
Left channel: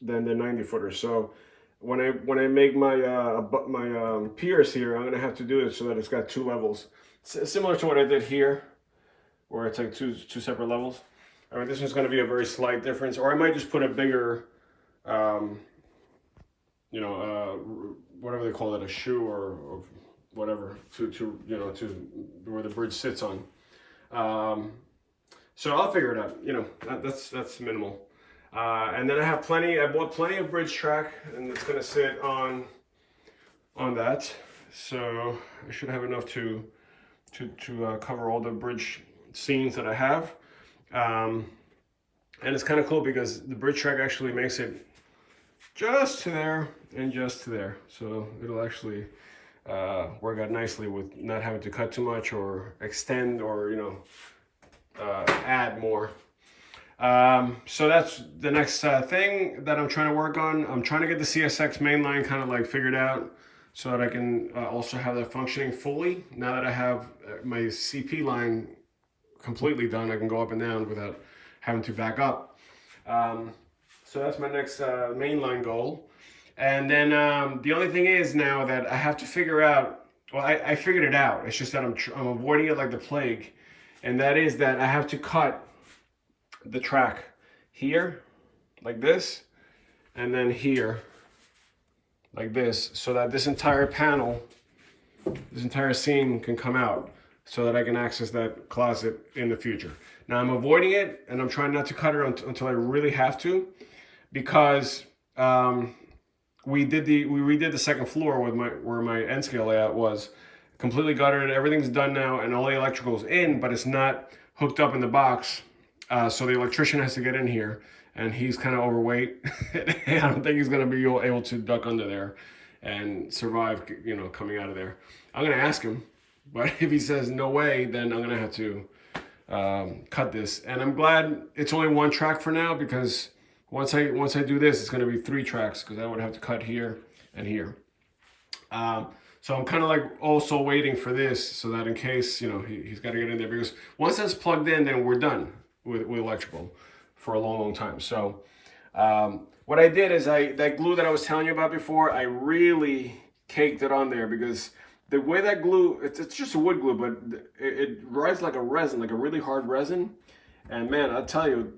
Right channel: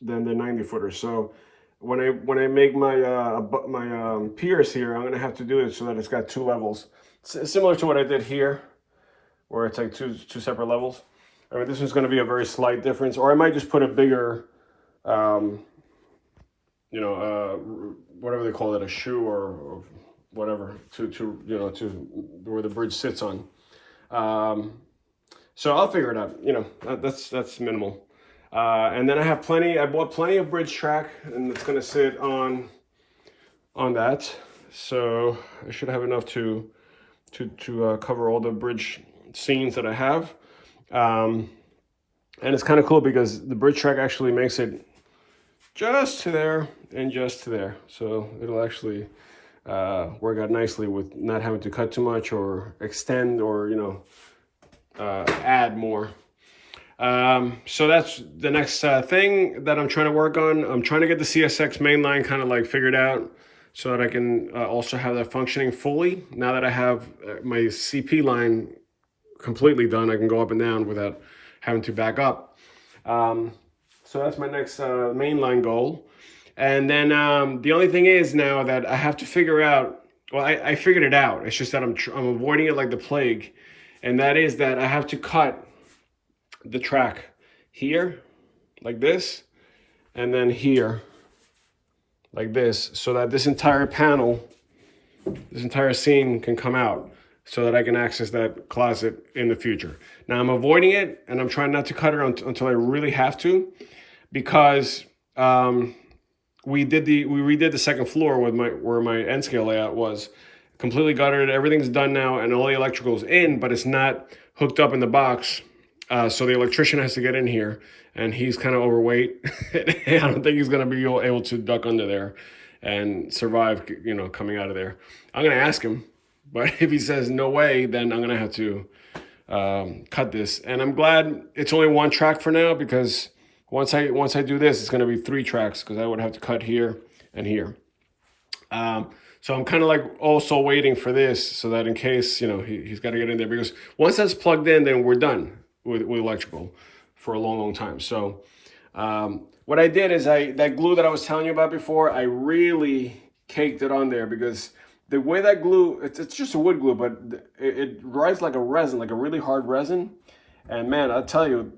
the 90-footers. So when I make my piers here, I'm gonna have to do it so that it's got 2 levels, similar to what I did here, where it's like two separate levels. I mean, this is going to be a very slight difference, or I might just put a bigger, whatever they call it, a shoe or whatever, to where the bridge sits on. So I'll figure it out. That's minimal. And then I bought plenty of bridge track, and it's going to sit on that. So I should have enough to cover all the bridge seams that I have. And it's kind of cool because the bridge track actually makes it just to there and just to there. So it'll actually work out nicely with not having to cut too much or extend or, add more. So that's the next thing that I'm trying to work on. I'm trying to get the CSX mainline kind of like figured out so that I can also have that functioning fully. Now that I have my CP line completely done, I can go up and down without having to back up. So that's my next mainline goal. And then the only thing is now that I have to figure out, well, I figured it out. It's just that I'm avoiding it like the plague. And that is that I have to cut the track here, like this, and then here, like this, so that this entire panel, this entire seam can come out so that I can access that closet in the future. Now I'm avoiding it, and I'm trying not to cut it until I really have to, because we redid the second floor with where my end scale layout was. Completely gutted, everything's done now, and all the electrical's in, but it's not hooked up in the box. So the electrician has to get in here, and he's kind of overweight. I don't think he's going to be able to duck under there and survive, coming out of there. I'm going to ask him, but if he says no way, then I'm going to have to cut this. And I'm glad it's only 1 track for now, because once I do this, it's going to be 3 tracks, because I would have to cut here and here. So I'm kind of like also waiting for this so that in case, he's got to get in there, because once that's plugged in, then we're done with electrical for a long time. So what I did is that glue that I was telling you about before, I really caked it on there, because the way that glue, it's just a wood glue, but it rides like a resin, like a really hard resin. And man, I'll tell you,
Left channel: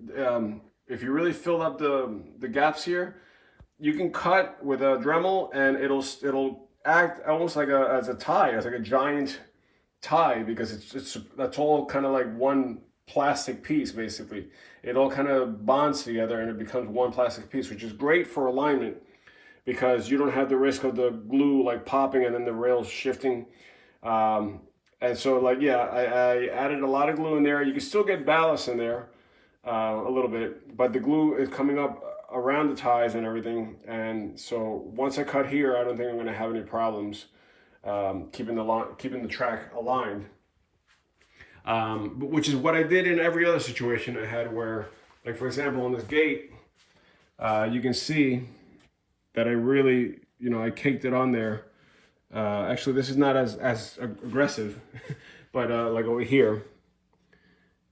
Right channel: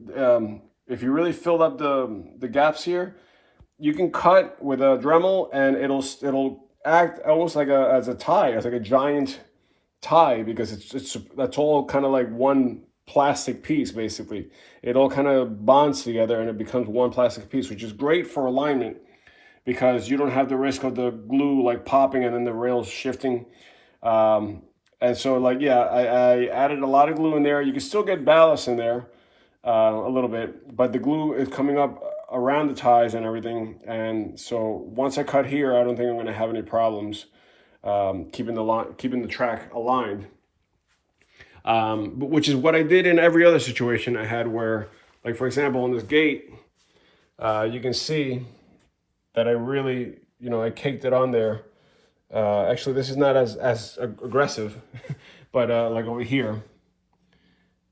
if you really filled up the gaps here, you can cut with a Dremel, and it'll act almost like as a tie, as like a giant tie, because that's all kind of like one plastic piece. Basically, it all kind of bonds together and it becomes one plastic piece, which is great for alignment, because you don't have the risk of the glue like popping and then the rails shifting. And so I added a lot of glue in there. You can still get ballast in there a little bit, but the glue is coming up around the ties and everything. And so once I cut here, I don't think I'm going to have any problems keeping the track aligned. Which is what I did in every other situation I had, where, like for example, on this gate, you can see that I really, I caked it on there. Actually, this is not as aggressive, but like over here,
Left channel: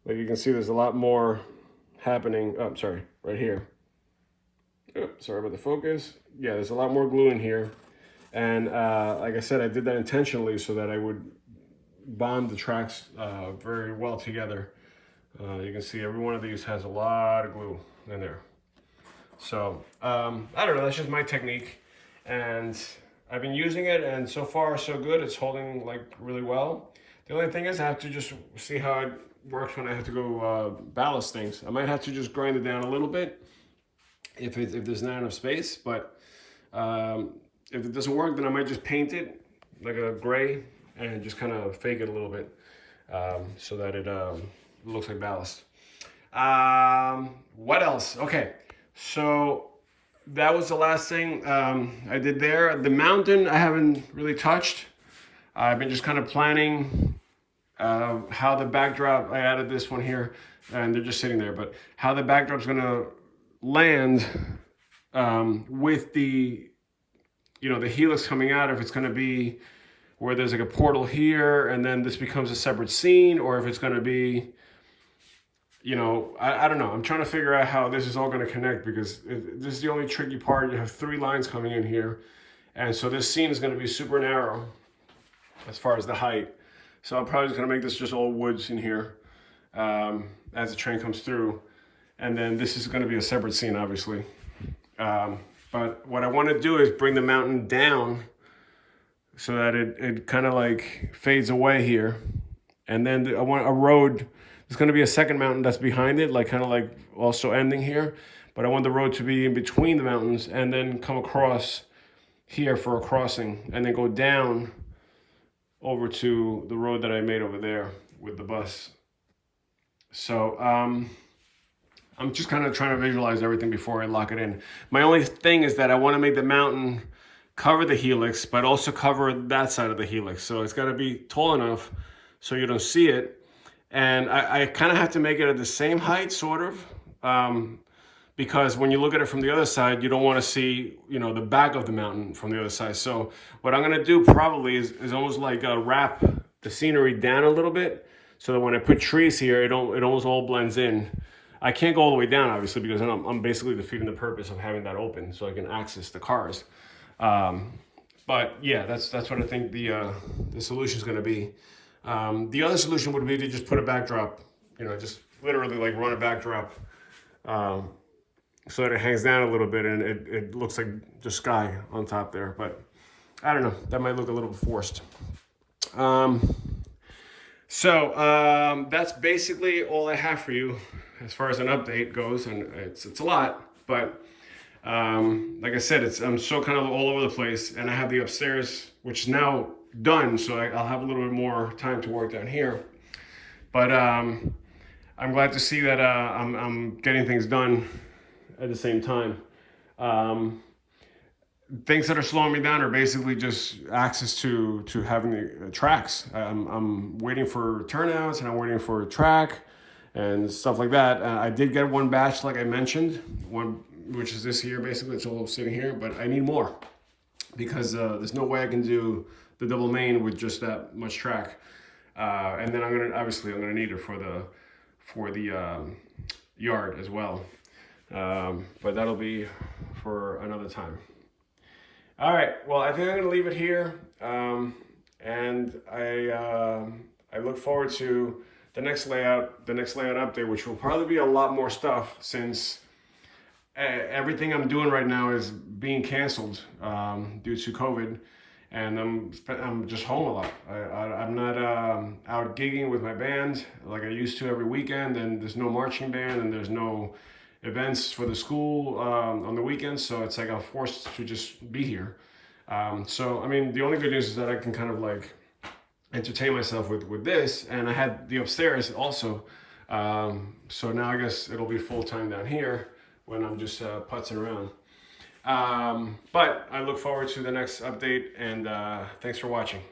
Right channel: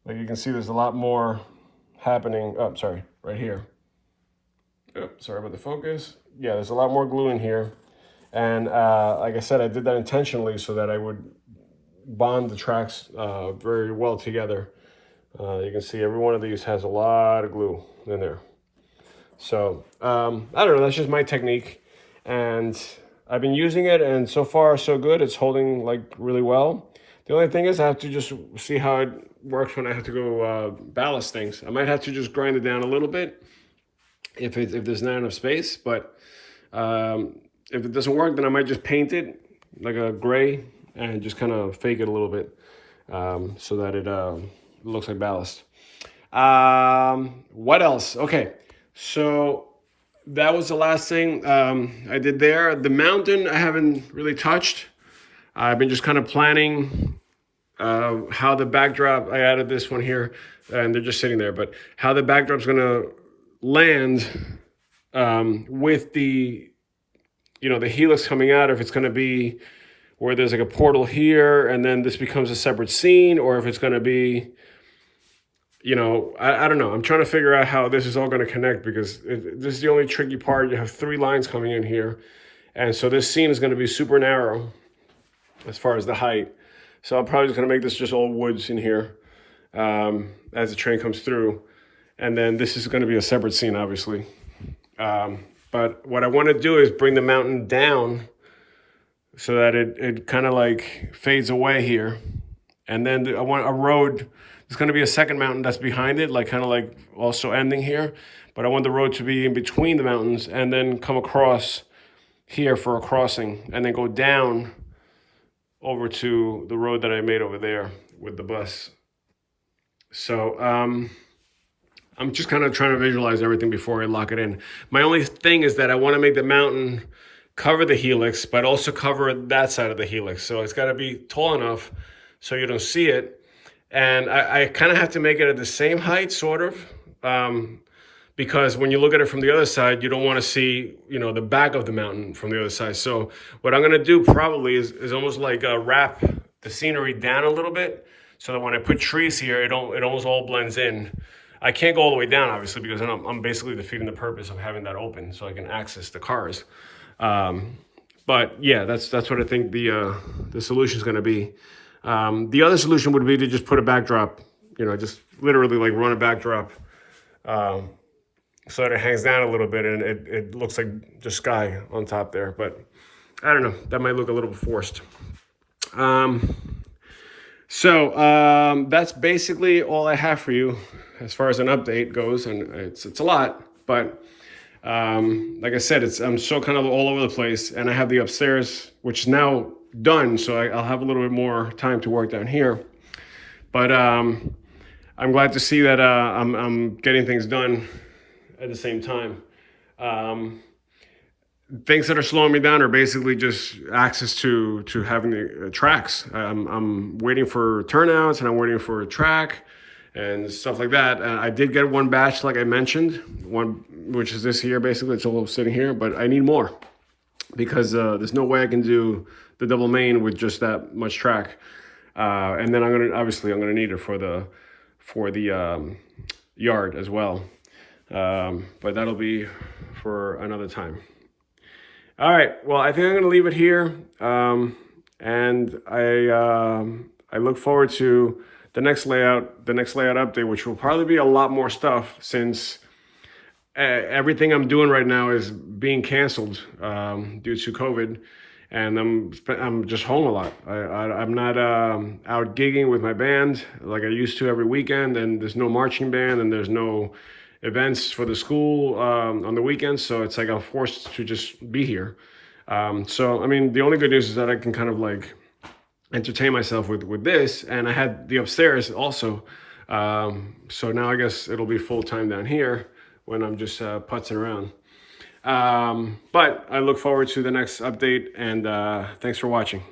like you can see there's a lot more happening. Oh, sorry, right here. Oh, sorry about the focus. Yeah, there's a lot more glue in here. And like I said, I did that intentionally so that I would bond the tracks very well together. You can see every one of these has a lot of glue in there. So I don't know, that's just my technique, and I've been using it, and so far so good. It's holding like really well. The only thing is I have to just see how it works when I have to go ballast things. I might have to just grind it down a little bit if there's not enough space, but if it doesn't work, then I might just paint it like a gray and just kind of fake it a little bit so that it looks like ballast. What else? Okay, so that was the last thing I did there. The mountain I haven't really touched. I've been just kind of planning how the backdrop, I added this one here, and they're just sitting there, but how the backdrop's gonna land with the, you know, the helix coming out, if it's gonna be where there's like a portal here and then this becomes a separate scene, or if it's gonna be, you know, I don't know. I'm trying to figure out how this is all gonna connect, because this is the only tricky part. You have 3 lines coming in here. And so this scene is gonna be super narrow as far as the height. So I'm probably just gonna make this just all woods in here as the train comes through. And then this is gonna be a separate scene, obviously. But what I wanna do is bring the mountain down so that it kind of like fades away here. And then I want a road, there's gonna be a second mountain that's behind it, like kind of like also ending here. But I want the road to be in between the mountains and then come across here for a crossing and then go down over to the road that I made over there with the bus. So I'm just kind of trying to visualize everything before I lock it in. My only thing is that I want to make the mountain cover the helix, but also cover that side of the helix. So it's got to be tall enough so you don't see it. And I kind of have to make it at the same height, sort of, because when you look at it from the other side, you don't want to see, you know, the back of the mountain from the other side. So what I'm going to do probably is almost like wrap the scenery down a little bit, so that when I put trees here, it almost all blends in. I can't go all the way down, obviously, because then I'm basically defeating the purpose of having that open so I can access the cars. But yeah, that's what I think the solution is going to be. The other solution would be to just put a backdrop, you know, just literally like run a backdrop so that it hangs down a little bit and it looks like the sky on top there. But I don't know, that might look a little forced. So that's basically all I have for you as far as an update goes, and it's a lot, but like I said, I'm still kind of all over the place, and I have the upstairs, which is now done, so I'll have a little bit more time to work down here. But I'm glad to see that I'm getting things done at the same time. Things that are slowing me down are basically just access to having the tracks. I'm waiting for turnouts, and I'm waiting for a track and stuff like that. I did get one batch, like I mentioned, one which is this here. Basically, it's all sitting here, but I need more because there's no way I can do the double main with just that much track. And then I'm gonna need it for the yard as well. But that'll be for another time. All right, well, I think I'm gonna leave it here. And I look forward to the next layout update, which will probably be a lot more stuff, since everything I'm doing right now is being canceled due to COVID, and I'm just home a lot. I'm not out gigging with my band like I used to every weekend, and there's no marching band, and there's no events for the school on the weekends, so it's like I'm forced to just be here. So I mean, the only good news is that I can kind of like entertain myself with this, and I had the upstairs also, so now I guess it'll be full time down here when I'm just putzing around. But I look forward to the next update, and thanks for watching.